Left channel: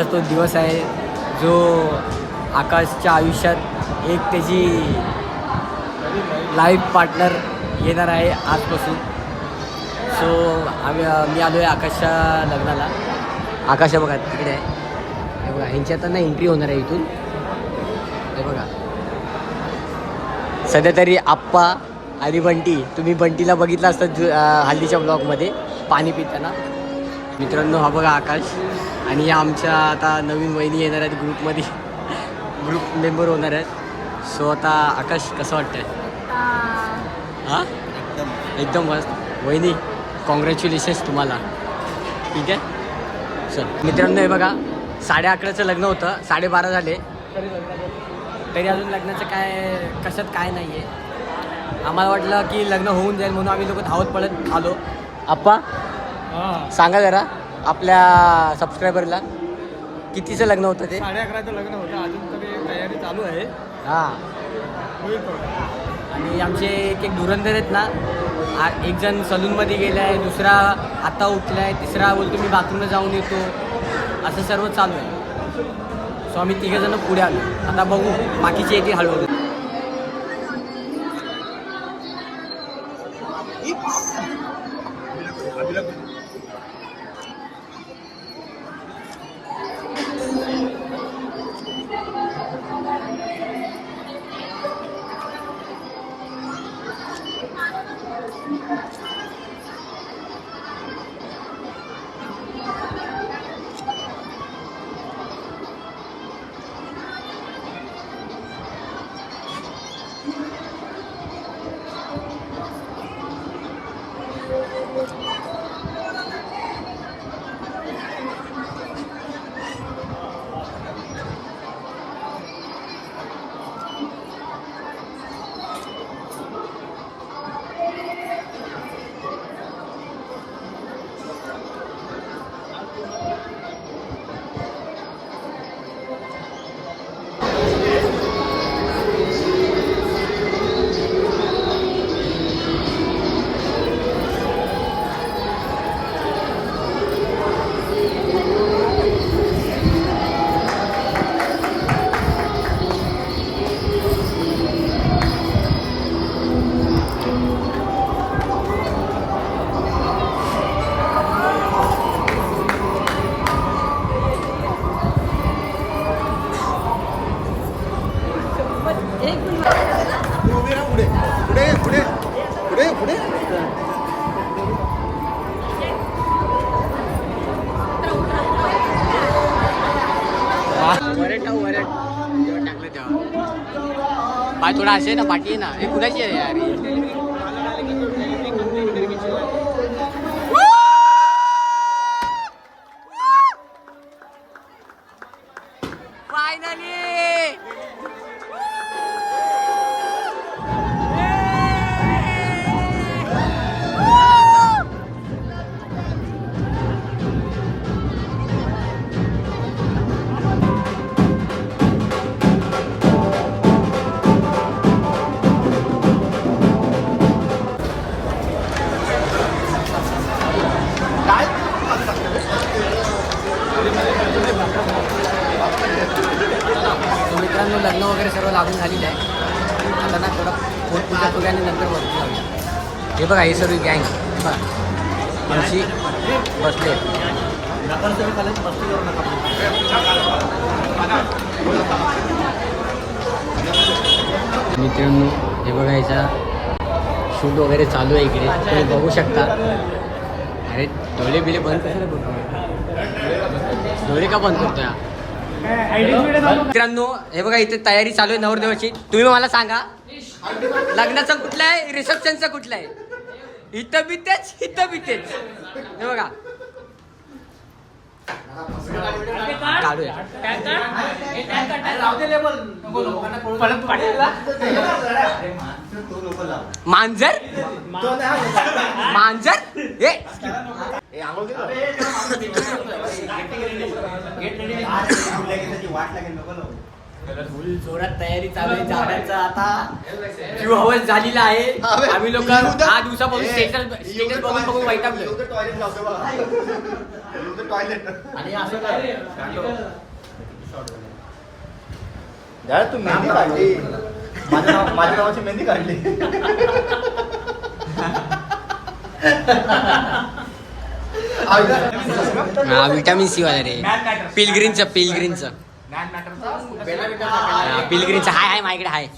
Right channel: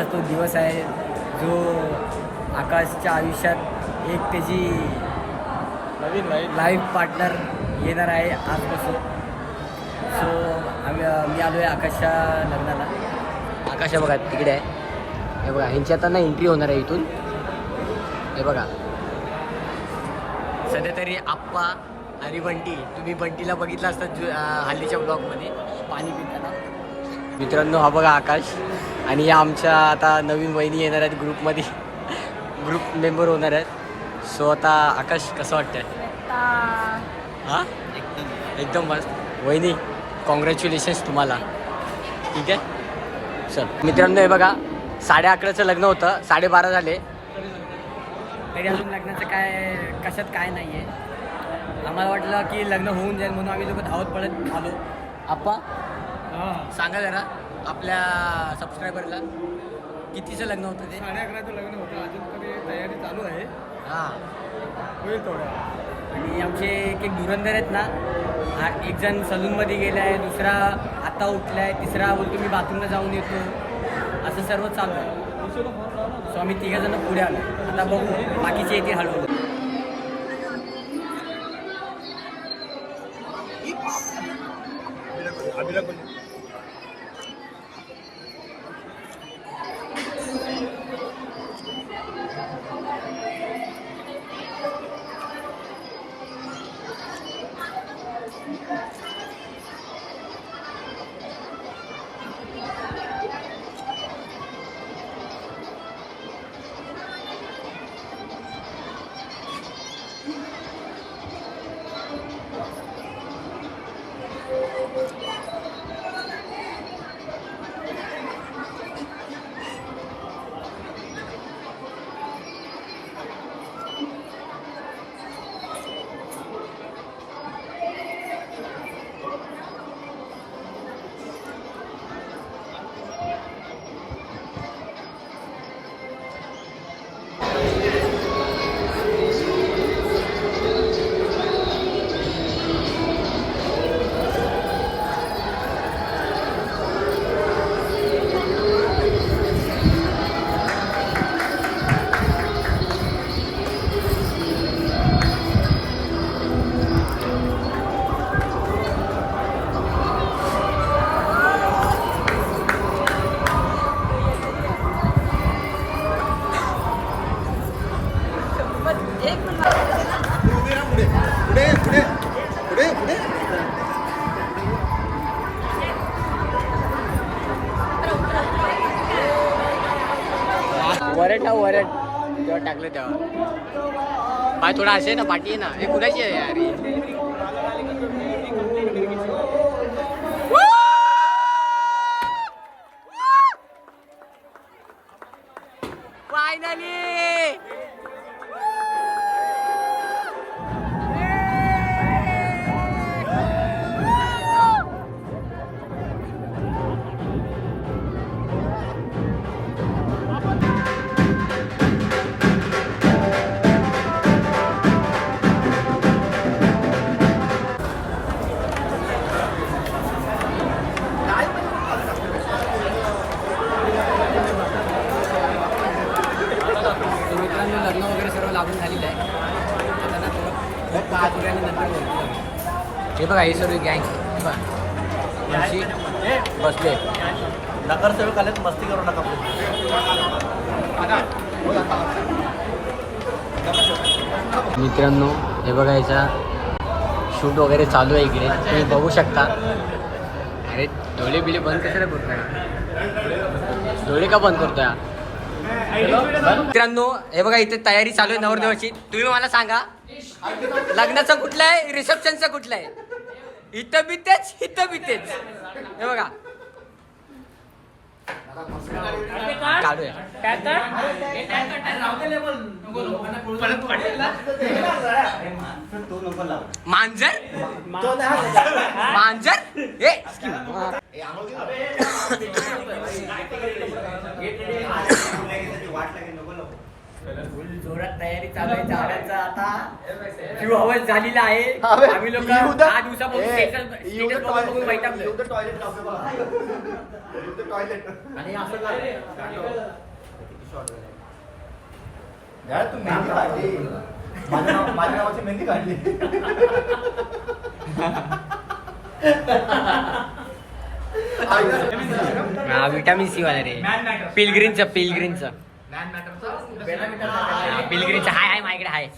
आजचा तो दिवस आहे जो आकाशच्या आयुष्यात एक त्याची लाईफ पार्टनर येणार आहे आजपासून. सो मी आलो आहे आकाशच्या लग्नाला. आकाश बघा तिकडे आहे. हे बघा ह्यांची आता ना एंट्री होणार आहे इथून. हे बघा सध्या तरी आप्पा आणि बंटी, तुम्ही बंटीला बघितलं असतं हल्दीच्या ब्लॉगमध्ये पाणी पिताना. मित्रांनो हा बघा आकाश आणि या आमच्या आता नवीन वहिनी येणार आहेत ग्रुपमध्ये, ग्रुप मेंबर होणार आहेत. सो आता आकाश कसं वाटतंय? हां एकदम मस्त. वहिनी कॉंग्रॅच्युलेशन्स तुम्हाला. ठीक आहे चल मित्रांनो. हे बघा 11:30चं लग्न होतं, 12:30 झाले तरी अजून लग्नाचं काय कशात काय नाही आहे. आम्हाला वाटलं की लग्न होऊन जाईल म्हणून आम्ही लोक धावत पळत आलो. आप्पा सांगा जरा आपल्या सबस्क्रायबरला कितीचं लग्न होतं ते? 11:30चं लग्न होतं. अजून तरी तयारी चालू आहे. हां होईल. आणि आमचे एक धुरंधर आहेत ना, एक जण सलूनमध्ये गेला आहे, दुसरा आता उठला आहे, तिसरा बोलतो मी बाथरूमला जाऊन येतो. असं सर्व चालू आहे. सो आम्ही तिघंजणं पुढे आलो. आता बघू बाकीची येते हळूहळू. वरट जेव्हा टाकलं तेव्हा पाय थोडा असे ना, पाठी आहे ना. हे कुणाची आहे यार? फायनली मित्रांनो लग्न वगैरे सर्व लागून झालेलं आहे. आता ना थोडं पूजा आणि नंतर वरती जाऊया. हे बघा हे सर्व गँग बघा माणशी बसले. मित्रांनो हे बघा याचा शूट वगैरे चालू आहे इकडे, तुम्ही बघू शकता. अरे डोळे बिले बंद कशाला करतोय? डोळे का बंद करतोय? मित्रांनो हे बघा इथे तयारी चालू आहे नवरदेवाची. तुम्ही मला सांगा लग्नाचं कुठलं आहे, रिसेप्शनचं कुठलं आहे? इथं बितेच इथं बितेच. हे बघा काढूया मांजर मांजर हे फुल जोरात तयारी चालू आहे झाडाचा. आता जीव हवस झालेला आहे. आम्ही लोक 10 दिवसापासून स्टेटस बघून वैतागलोय. आणि असं काय तू मेहंदी काढली माझ्या नावाची मेहंदी काढली. हा विटामिन सी वाला रे. पिलग्रीनचं पिलग्रीनचं हाय हाय माझ्याकडे हाय.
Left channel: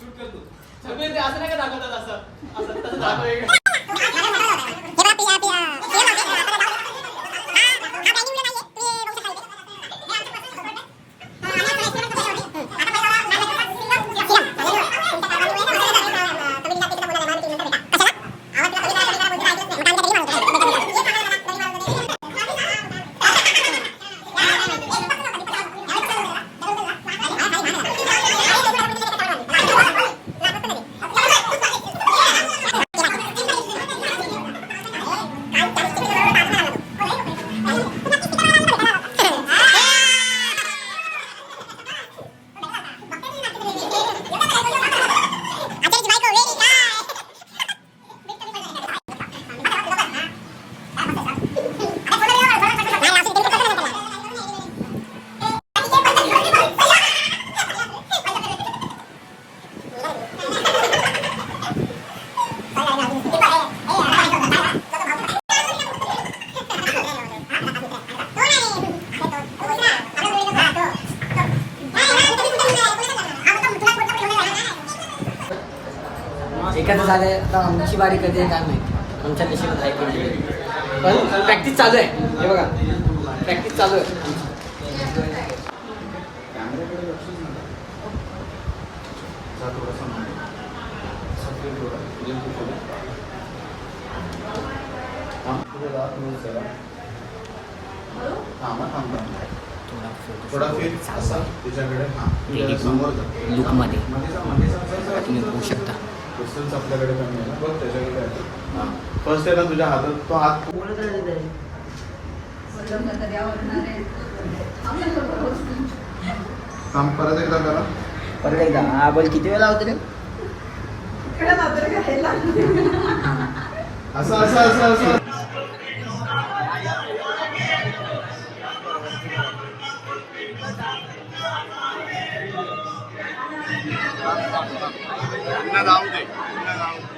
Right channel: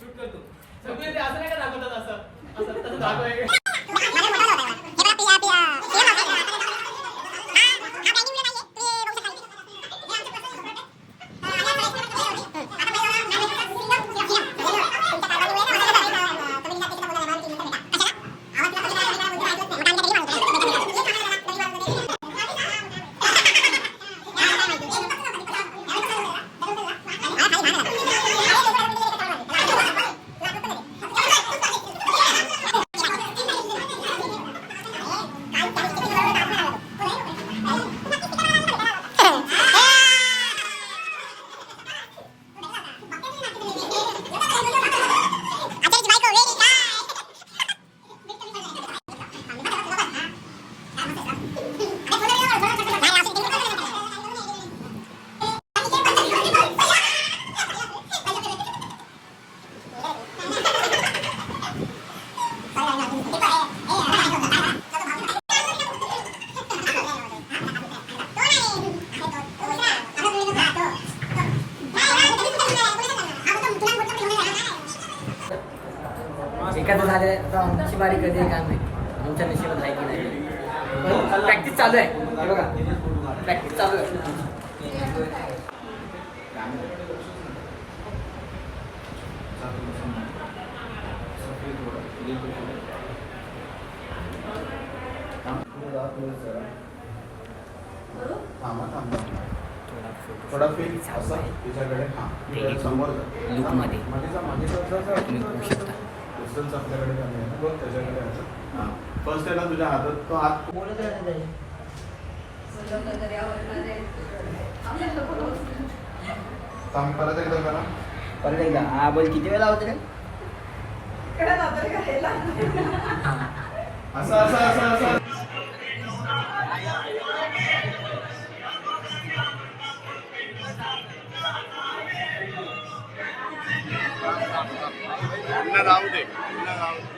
एखादं झालंय आता आमची बारी कधी आहे काय माहिती. आमच्या नशिबात आहे की नाही. पण प्रॅक्टिस चालू आहे. हे बघा प्रॅक्टिस चालू आहे. थोडा फील चालू आहे तिच्याकडे लुकमध्ये तुम्ही बघू शकता. आपल्याकडे बघ त्याच्याकडे फर्स्ट आहे ना तुझ्या हातात तो हात काम परत एकदा करा. परत एकदा हा बोल किती वेळा होते रे. असं असं असं असं जाऊ दे जाऊ दे.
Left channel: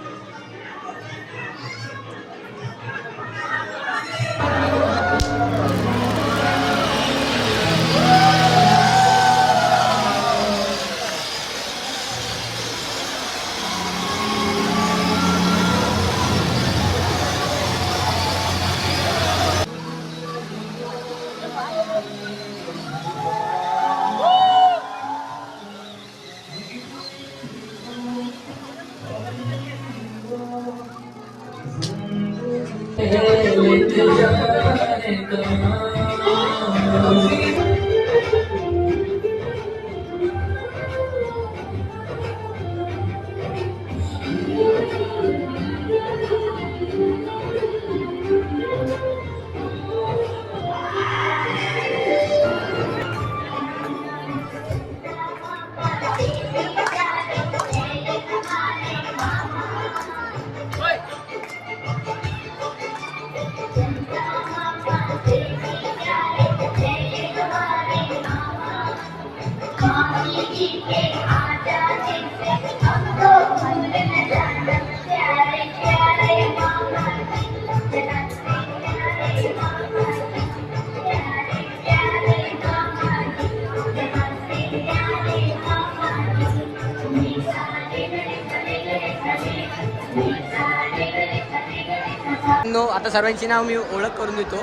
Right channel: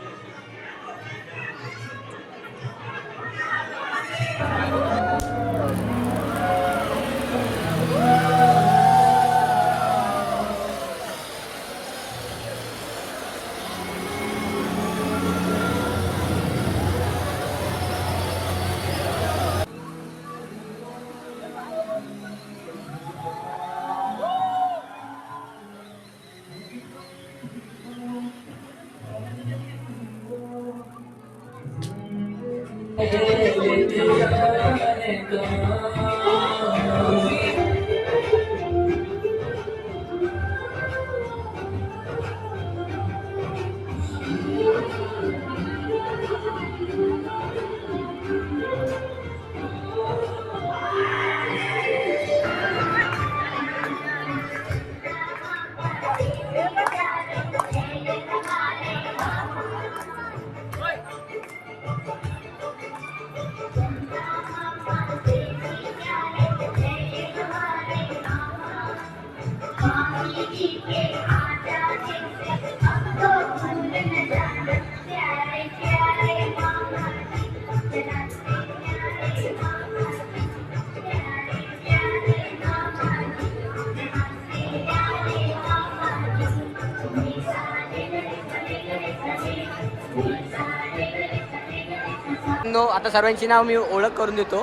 आता सर्वांची नाव मी ओळख करून देतो.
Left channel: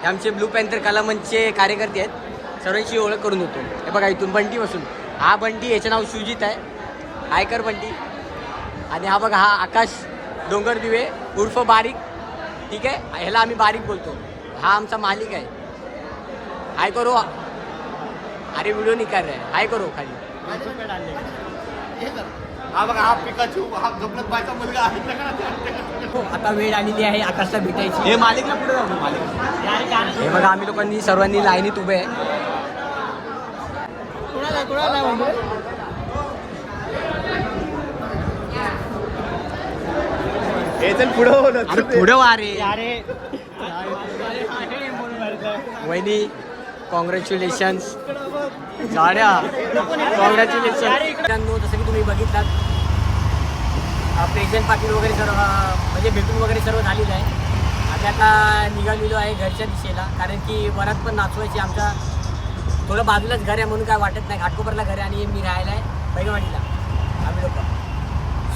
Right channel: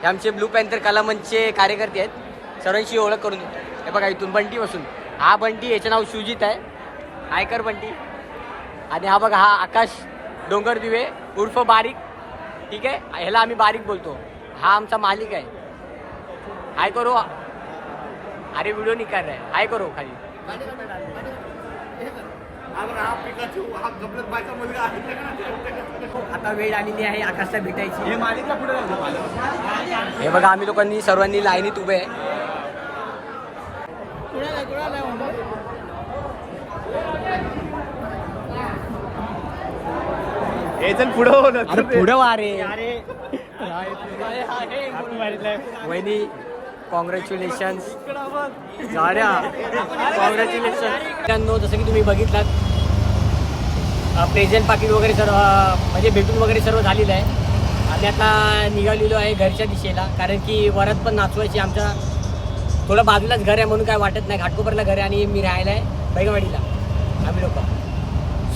हे आमचे ब्लू पॅन्थर कला मंचचे कार्यकर्ते आहेत. सर्वांची ओळख करून देतो. हे बघा इथून बंटी बसून हा बंटी, याचं नाव शुजित आहे. आयकर बंटी. आणि हा बघा हा आकाश डोंगर दिवे उर्फ बारीक. ठीक आहे, ह्याला आम्ही बारीक बोलतो. हा आमचा मालिक आहे. हाय करो. अरे व्हिडिओ निकाल रहा है. हाय करो खाली. हा बघा हा पिकाचू हा गपलत बायचा मुलगा आहे. आता वेळ आलेली आहे आकाशला भेटायची. हे मालिकला पुढे जाऊ मालिक. हे बघा आम्ही लोकांनी सर्वांनी लाईनीत उभे आहे. हे चल पुढे. अरे पुढे वा रे. वहिनी कॉंग्रॅच्युलेशन्स गाड्या कॉंग्रॅच्युलेशन. मित्रांनो जसं की तुम्ही बघितलात प्रेझेंट पाकिट वगैरे सर्व म्हणजे भेटून वगैरे सर्व झालेलं आहे. आम्ही आता निघालेलो आहे घरच्या दिशेला, कारण की वरात पण नाचवायची. आमच्या थोडं बाजूलाच घर आहे म्हणून काय वाटत नाही. घाटकोपरला घर आहे आणि मी राहायला आहे बैगवाडीला आम्ही लोक.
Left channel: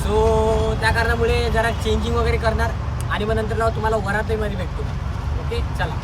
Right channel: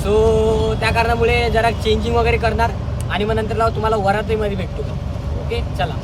सो त्या कारणामुळे जरा चेंजिंग वगैरे करणार आणि मग नंतर तुम्हाला वरातीमध्ये भेटतो. ओके चला.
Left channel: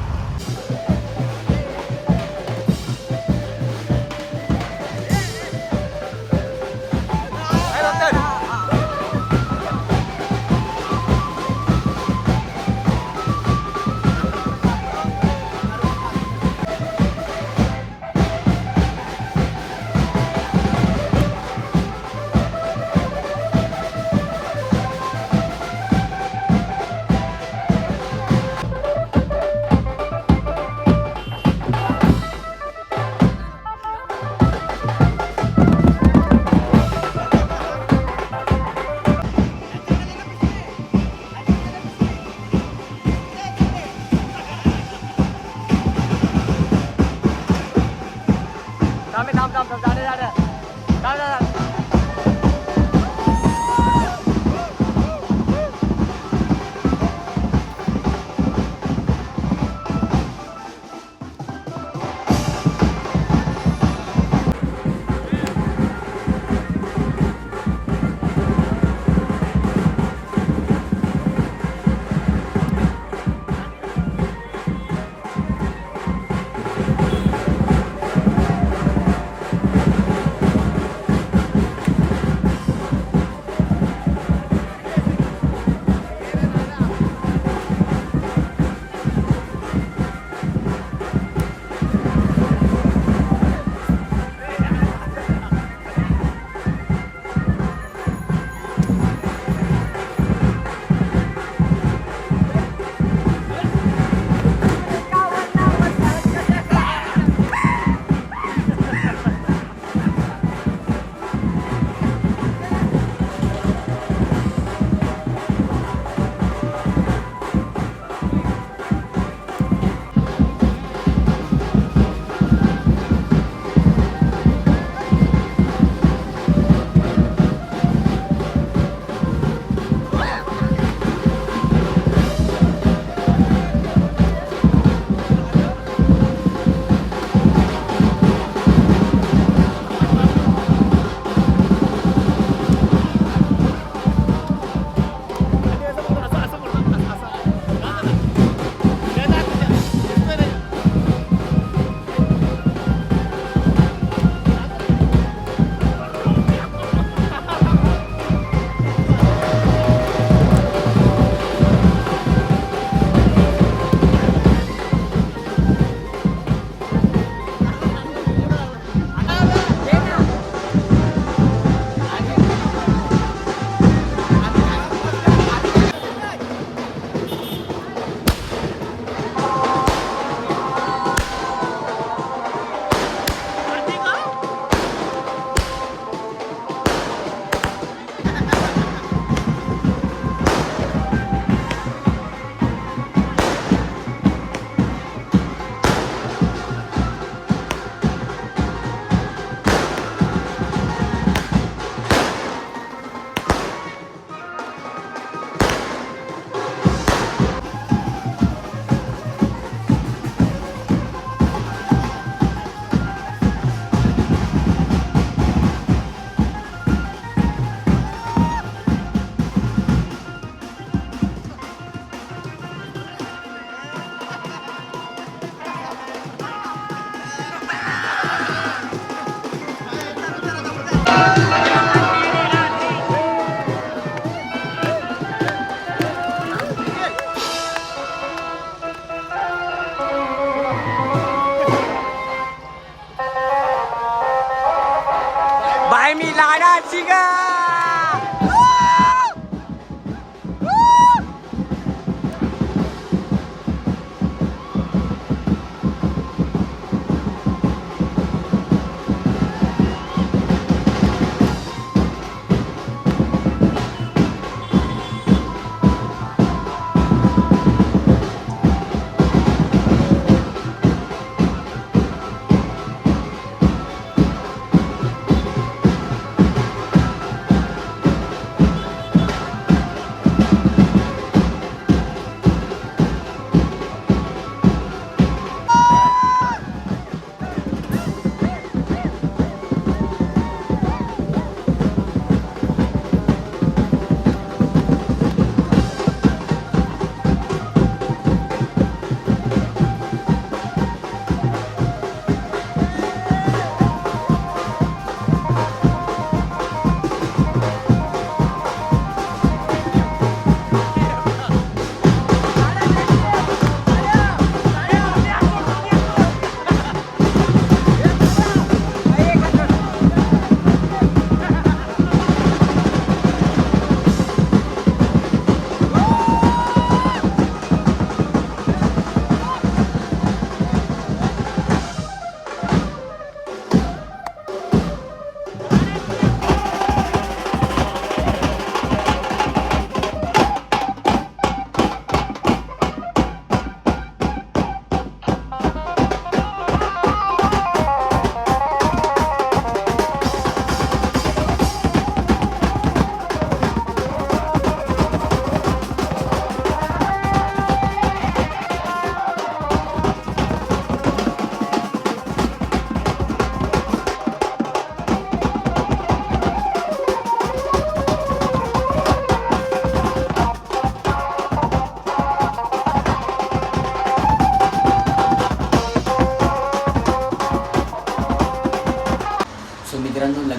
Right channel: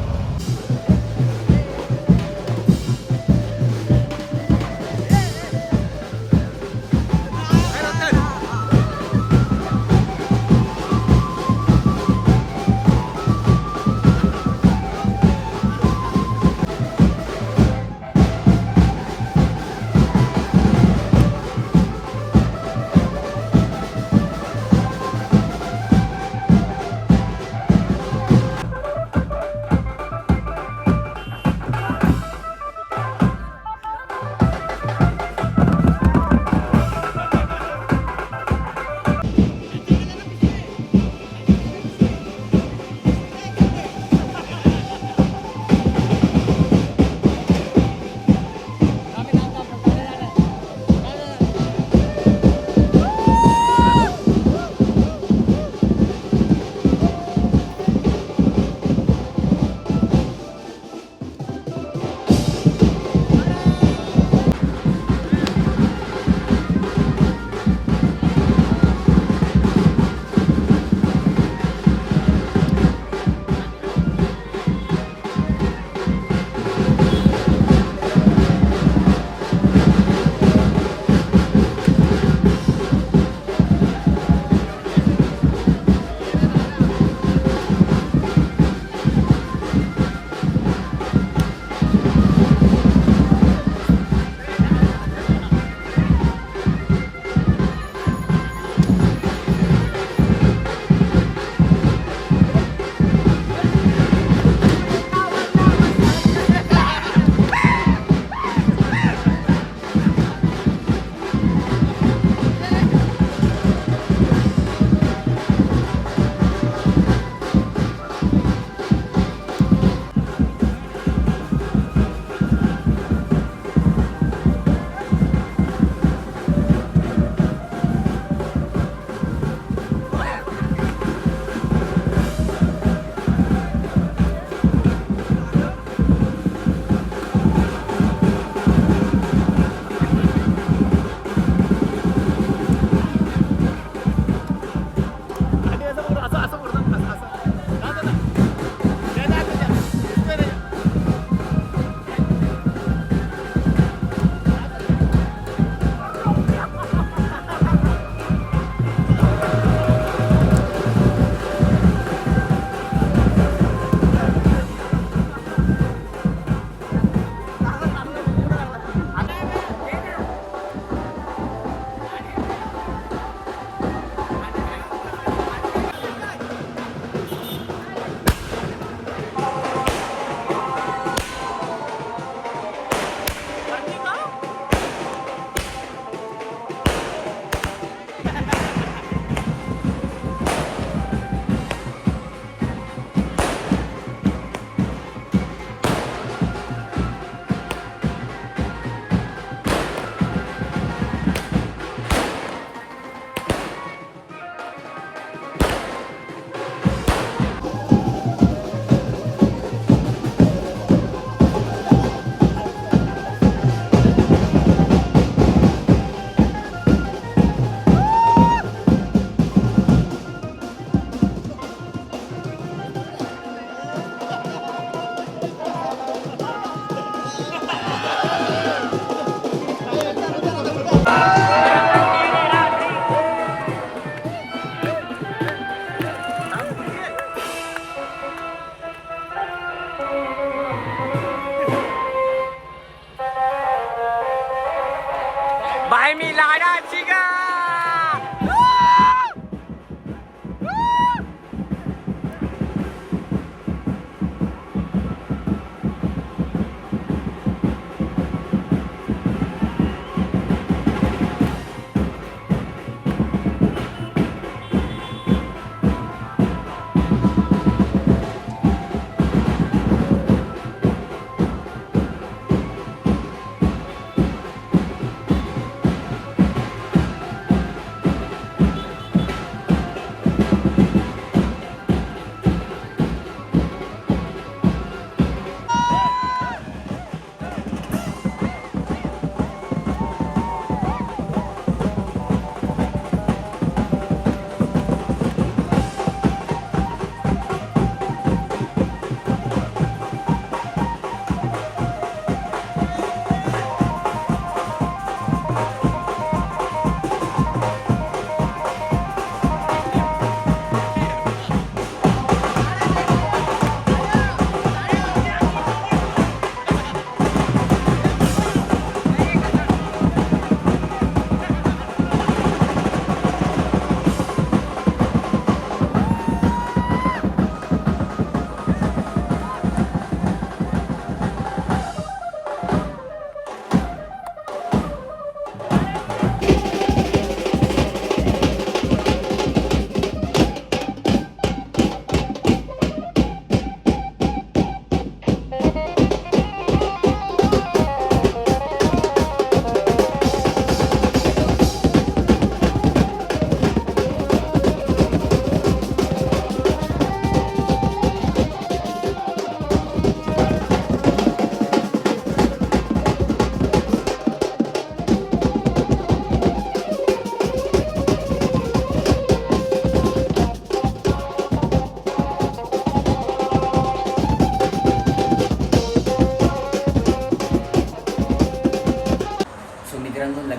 बाय मी लाडाची गा.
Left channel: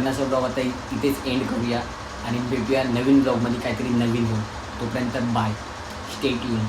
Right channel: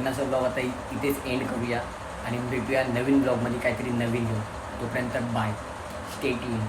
लग्नाचा ब्लॉग आता इथेच एंड करूया आणि भेटूया नवीन ब्लॉगमध्ये काहीतरी नवीन घेऊन. तोपर्यंत बाय, स्टे ट्यून.